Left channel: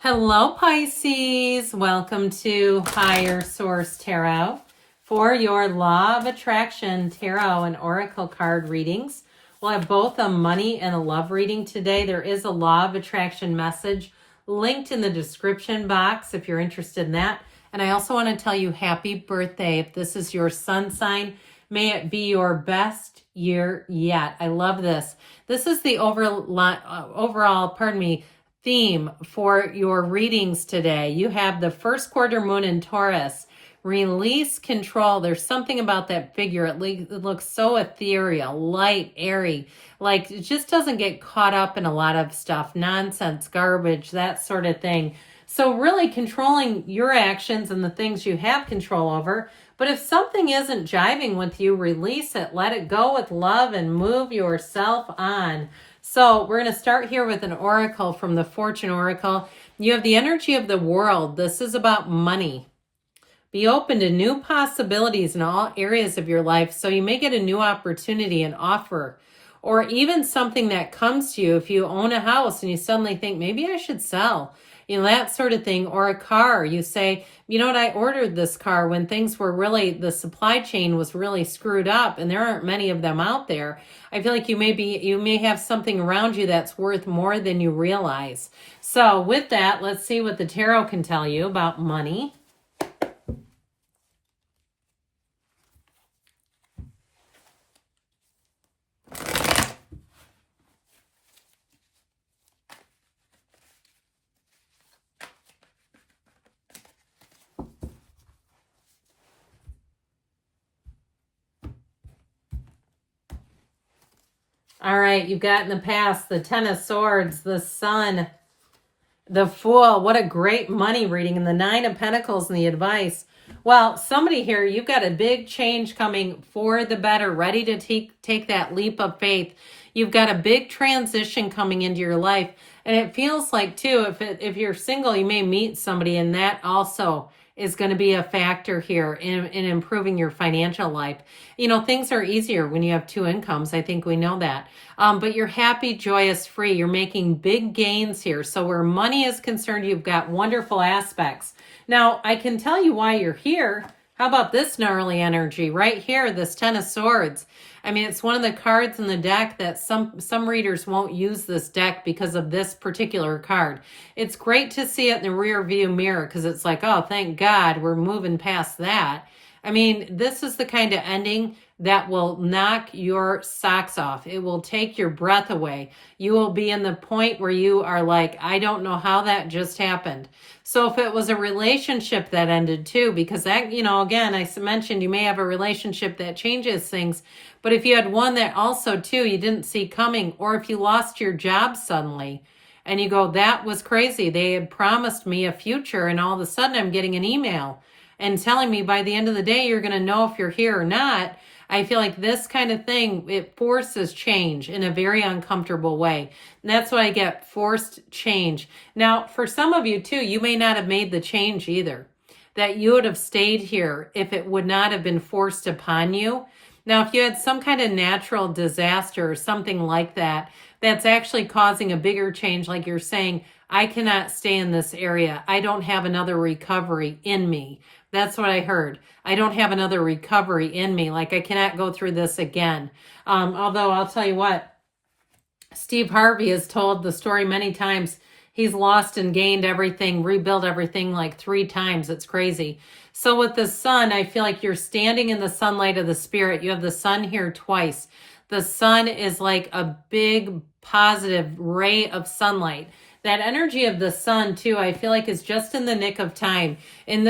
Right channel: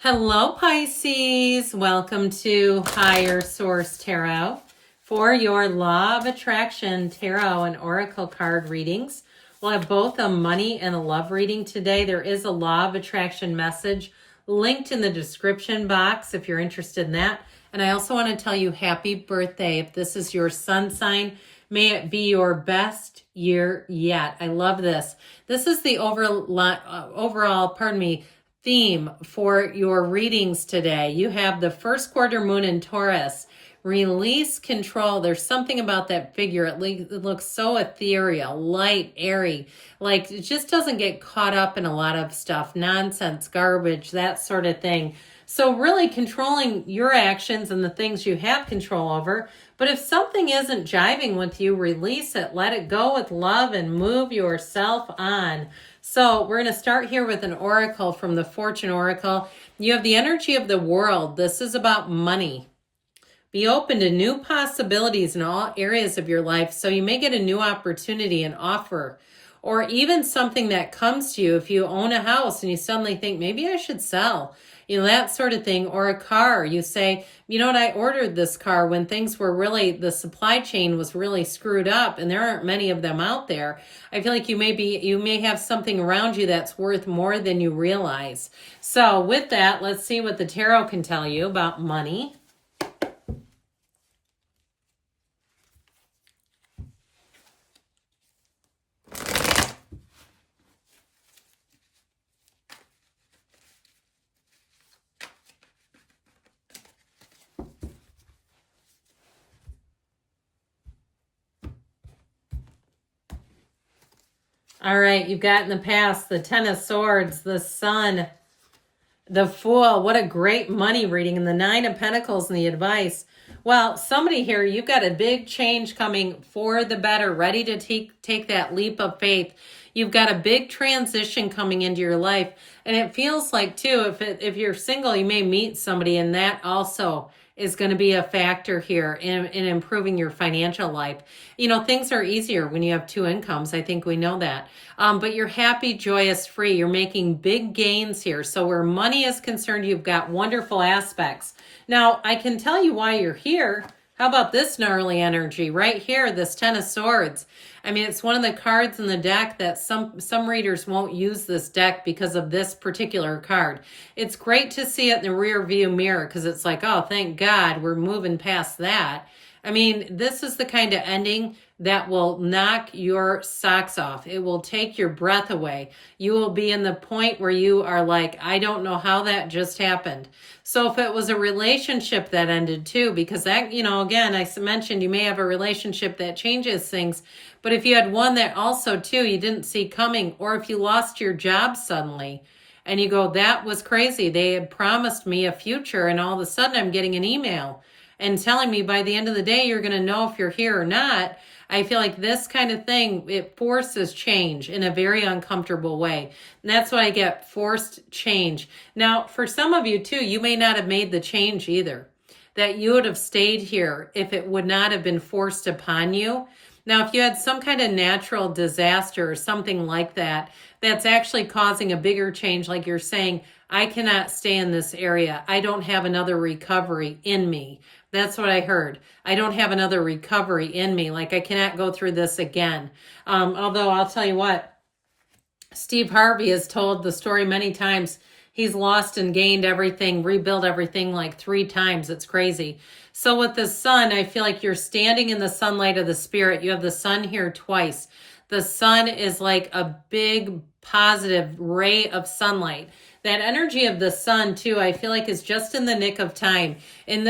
Hello, Pisces. Welcome to Higher Source Tarot for your Law of Attraction Tarot and Oracle card readings. We'll have both a money and a love reading today. There is a Law of Attraction message linked in the description box if you're interested in that. And I also want to tell you happy birthday. If this is your sun sign, may it be your best year yet. I love this. This is the overall, theme for your readings today. You have the first quarter moon in Taurus. Release control. There's something about that figure. It looks so ethereal, light, airy. Like it just doesn't get caught up in a lot of stuff, nonsense, garbage, that sort of thing. So really controlling your actions and the things you have control over. But if something isn't jiving with you, release it. Let it go with love and move yourself on. So we're going to start here with an oracle from the Fortune Oracle. You have the energy of the world. This is about money. Be open to new possibilities in all areas of your life. So you may get a new opportunity, an offer, or even something that comes to you. If you own a house and you suddenly think, maybe I should sell, that sort of thing, or a car. You say, you know what, I ordered this car when things were really, the supply chain was really screwed up and there aren't many of them out there. I feel like you may have something around you that's worth more than you realize. So with that, let's see what the tarot can tell you about money. All right, you've got in the past the Ten of Swords, the Sun, the Fool. What a great money reading. And the Nine of Pentacles and the advice. Well, somebody here, you've got a big change coming for the better, ready to take that leap of faith. You've got a big transition coming into your life. And it feels like, too, if you're single, you may meet somebody, and that also is going to be a factor here in improving your financial life. Things are easier when you have two incomes. I think we know that. But you're happy, joyous, free. You're making big gains here. So where money is concerned, you've got wonderful aspects. Now, I can tell you why you're here. How about this gnarly energy right here, this Ten of Swords? I mean, it's one of the cards in the deck that some readers won't use this deck because of this particular card. It's great to see it in the rear view mirror because it's like, oh, thank God we're moving past that. I mean, this is the kind of ending that will knock your socks off. It will take your breath away. You will be in the point where you are like, I don't know how that just happened. So if it was a relationship that ended too, because that, again, I mentioned you may have a relationship that changes things, but if you had one that also too, you didn't see coming, or if you lost your job suddenly and you go, that was crazy. They had promised me a future and all of a sudden I'm getting an email and telling me by the end of the day, you're going to know if you're here or not. I feel like this kind of thing, it forces change in a very uncomfortable way. And that's why I get forced change. Now, for some of you too, you may not have made the change either. That you would have stayed here if it would not have been forced upon you. Now, if you had some kind of natural disaster or something like that, that's actually causing a bigger change, like you're saying, I cannot stay in this area. I don't have another recovery in me. That's what I heard. I don't have another recovery in me. Like I cannot go through this again. Although I'll tell you what, Steve Harvey has told the story many times. He's lost and gained everything, rebuilt everything like 3 times. It's crazy. So with the sun, I feel like you're standing in the sunlight of the spirit. You have the sun here twice. The sun is like a big positive ray of sunlight. That energy of the sun too, I feel like is just in the nick of time. In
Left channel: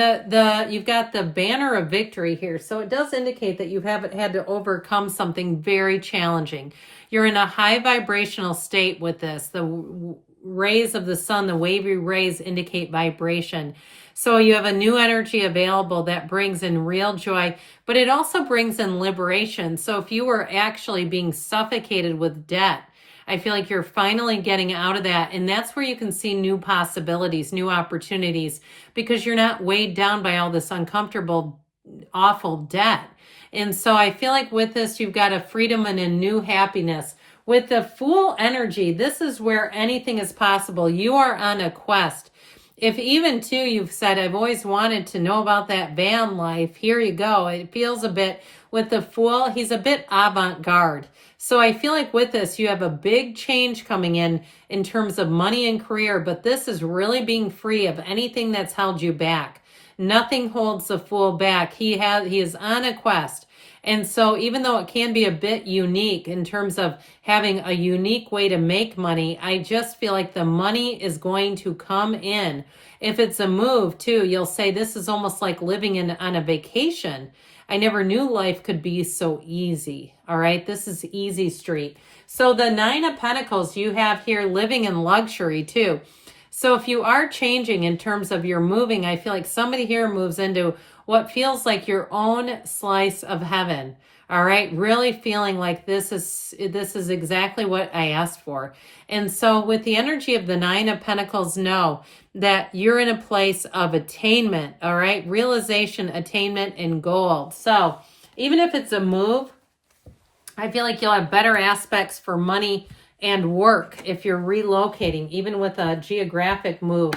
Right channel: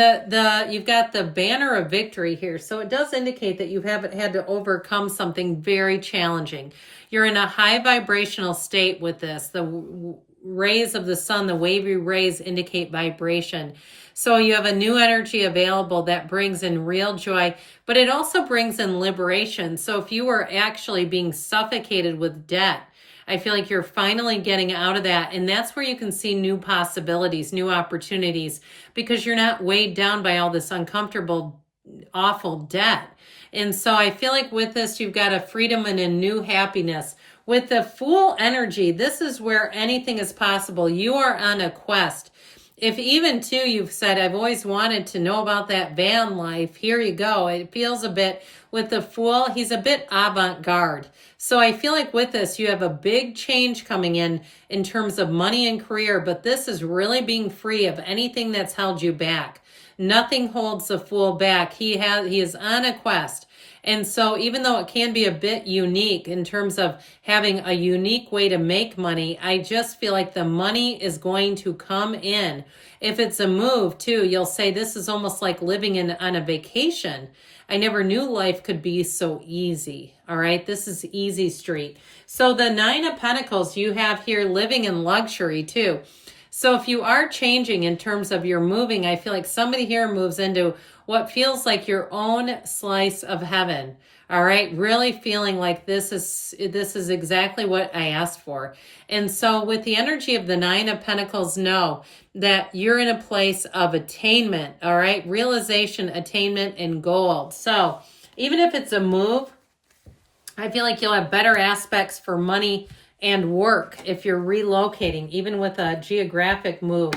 you've got the banner of victory here. So it does indicate that you haven't had to overcome something very challenging. You're in a high vibrational state with this. The rays of the sun, the wavy rays indicate vibration. So you have a new energy available that brings in real joy, but it also brings in liberation. So if you were actually being suffocated with debt, I feel like you're finally getting out of that. And that's where you can see new possibilities, new opportunities, because you're not weighed down by all this uncomfortable, awful debt. And so I feel like with this, you've got a freedom and a new happiness. With the Fool energy, this is where anything is possible. You are on a quest. if even too you've said, I've always wanted to know about that van life, here you go. It feels a bit, with the Fool, he's a bit avant-garde. So I feel like with this, you have a big change coming in terms of money and career, but this is really being free of anything that's held you back. Nothing holds the Fool back. He is on a quest. And so even though it can be a bit unique in terms of having a unique way to make money, I just feel like the money is going to come in. If it's a move too, you'll say this is almost like living on a vacation. I never knew life could be so easy. All right, this is easy street. So the Nine of Pentacles you have here, living in luxury too. So if you are changing in terms of your moving, I feel like somebody here moves into what feels like your own slice of heaven. All right, really feeling like this is exactly what I asked for. And so with the energy of the Nine of Pentacles, know that you're in a place of attainment, all right? Realization, attainment, and gold. So even if it's a move, I feel like you'll have better aspects for money and work if you're relocating, even with a geographic move.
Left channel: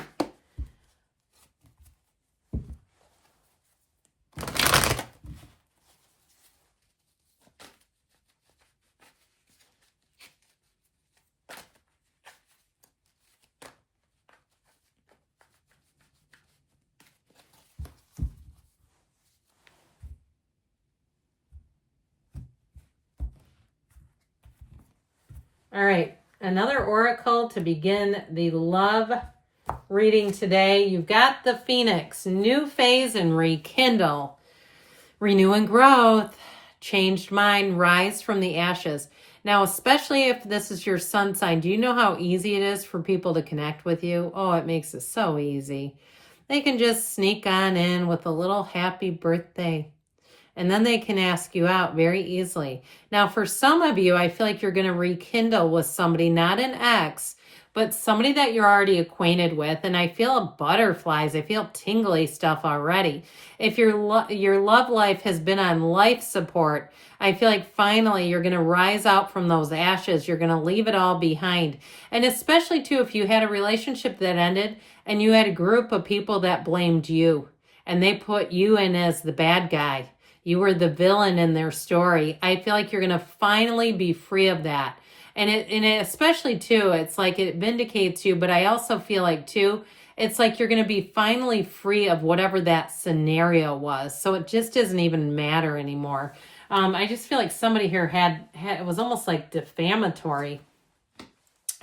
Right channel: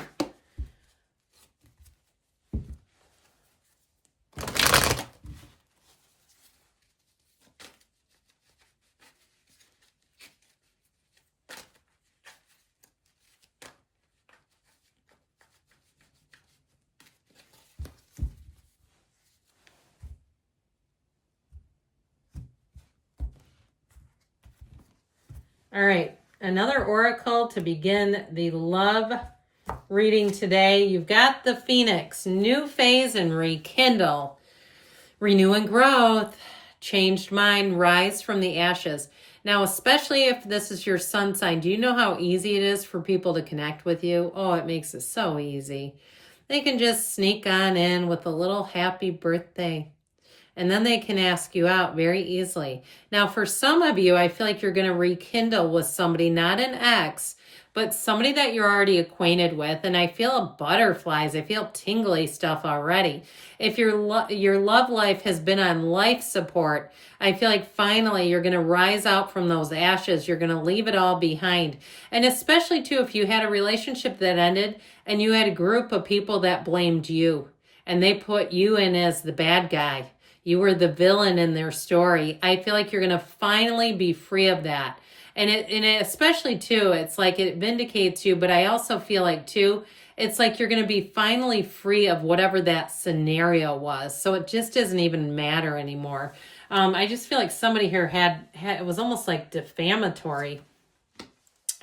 All right, another oracle to begin the love reading today. You've got the Phoenix, new phase and rekindle, renew and growth, changed mind, rise from the ashes. Now, especially if this is your sun sign, do you know how easy it is for people to connect with you? Oh, it makes it so easy. They can just sneak on in with a little happy birthday. And then they can ask you out very easily. Now, for some of you, I feel like you're going to rekindle with somebody, not an ex, but somebody that you're already acquainted with. And I feel butterflies. I feel tingly stuff already. If your love life has been on life support, I feel like finally you're going to rise out from those ashes. You're going to leave it all behind. And especially, too, if you had a relationship that ended and you had a group of people that blamed you and they put you in as the bad guy. You were the villain in their story. I feel like you're going to finally be free of that. And it especially too, it's like it vindicates you, but I also feel like too, it's like you're going to be finally free of whatever that scenario was. So it just doesn't even matter anymore. I just feel like somebody here had it was almost like defamatory.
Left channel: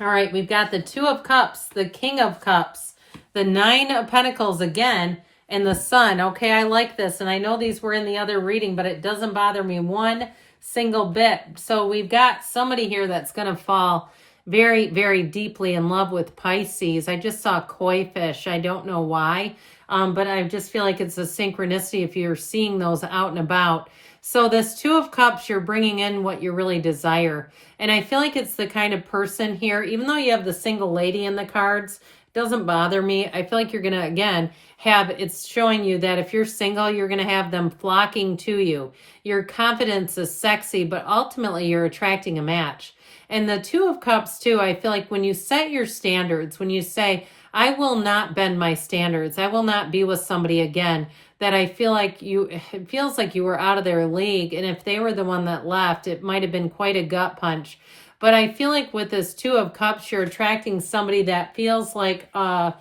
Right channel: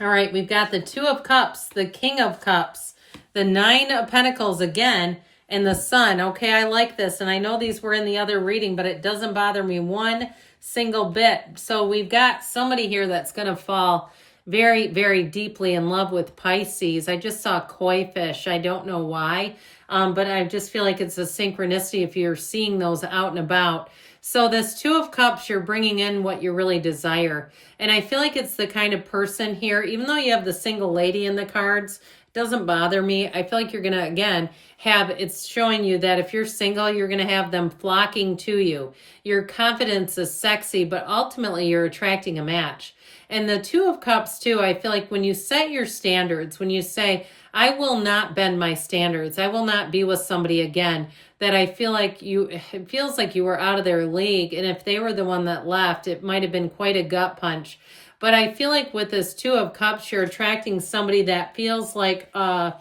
All right, we've got the Two of Cups, the King of Cups, the Nine of Pentacles again, and the Sun. Okay, I like this. And I know these were in the other reading, but it doesn't bother me one single bit. So we've got somebody here that's going to fall very, very deeply in love with Pisces. I just saw koi fish. I don't know why, but I just feel like it's a synchronicity if you're seeing those out and about. So this Two of Cups, you're bringing in what you really desire. And I feel like it's the kind of person here, even though you have the single lady in the cards, doesn't bother me. I feel like you're going to, again, it's showing you that if you're single, you're going to have them flocking to you. Your confidence is sexy, but ultimately you're attracting a match. And the Two of Cups too, I feel like when you set your standards, when you say, I will not bend my standards, I will not be with somebody again, that I feel like it feels like you were out of their league. And if they were the one that left, it might have been quite a gut punch. But I feel like with this Two of Cups, you're attracting somebody that feels like a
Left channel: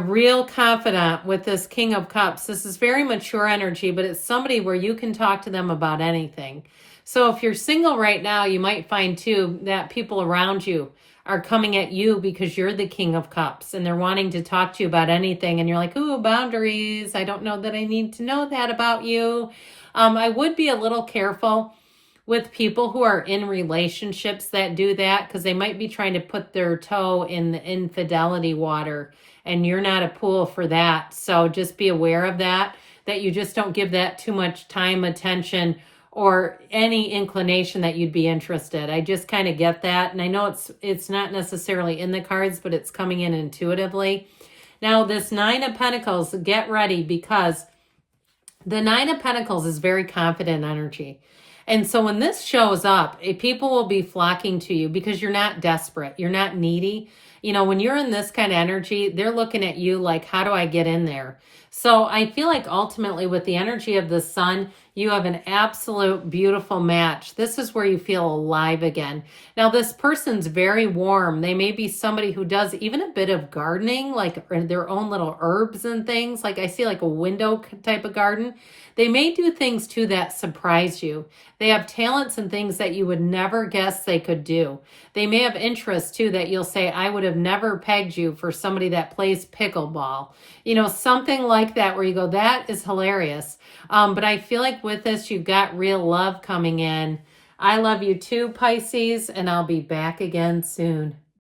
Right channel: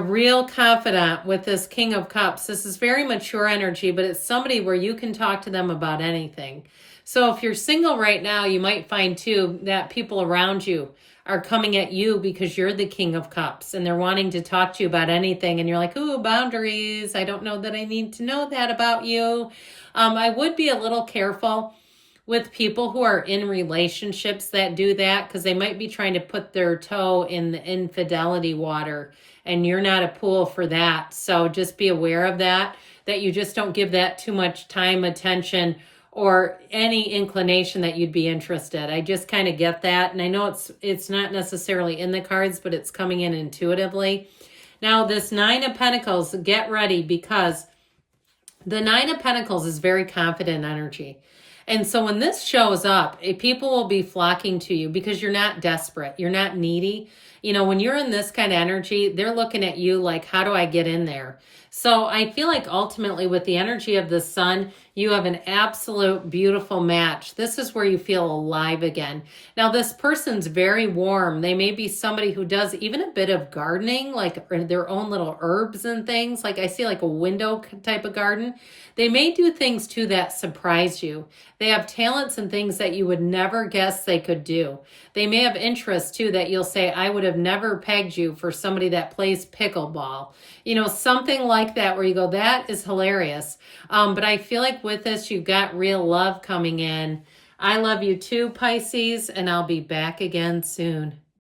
real confidant with this King of Cups. This is very mature energy, but it's somebody where you can talk to them about anything. So if you're single right now, you might find too that people around you are coming at you because you're the King of Cups and they're wanting to talk to you about anything. And you're like, ooh, boundaries. I don't know that I need to know that about you. I would be a little careful with people who are in relationships that do that, because they might be trying to put their toe in the infidelity water, and you're not a pool for that. So just be aware of that you just don't give that too much time, attention, or any inclination that you'd be interested. I just kind of get that. And I know it's not necessarily in the cards, but it's coming in intuitively. Now this Nine of Pentacles, get ready, because the Nine of Pentacles is very confident energy. And so when this shows up, people will be flocking to you because you're not desperate. You're not needy. You know, when you're in this kind of energy, they're looking at you like, how do I get in there? So I feel like ultimately with the energy of the sun, you have an absolute beautiful match. This is where you feel alive again. Now, this person's very warm. They may be somebody who does even a bit of gardening, like their own little herbs and things. Like I see like a window type of garden. They may do things too that surprise you. They have talents and things that you would never guess they could do. They may have interests too that you'll say, I would have never pegged you for somebody that plays pickleball. You know, something like that where you go, that is hilarious. But I feel like with this, you've got real love coming in. I love you too, Pisces, and I'll be back again soon.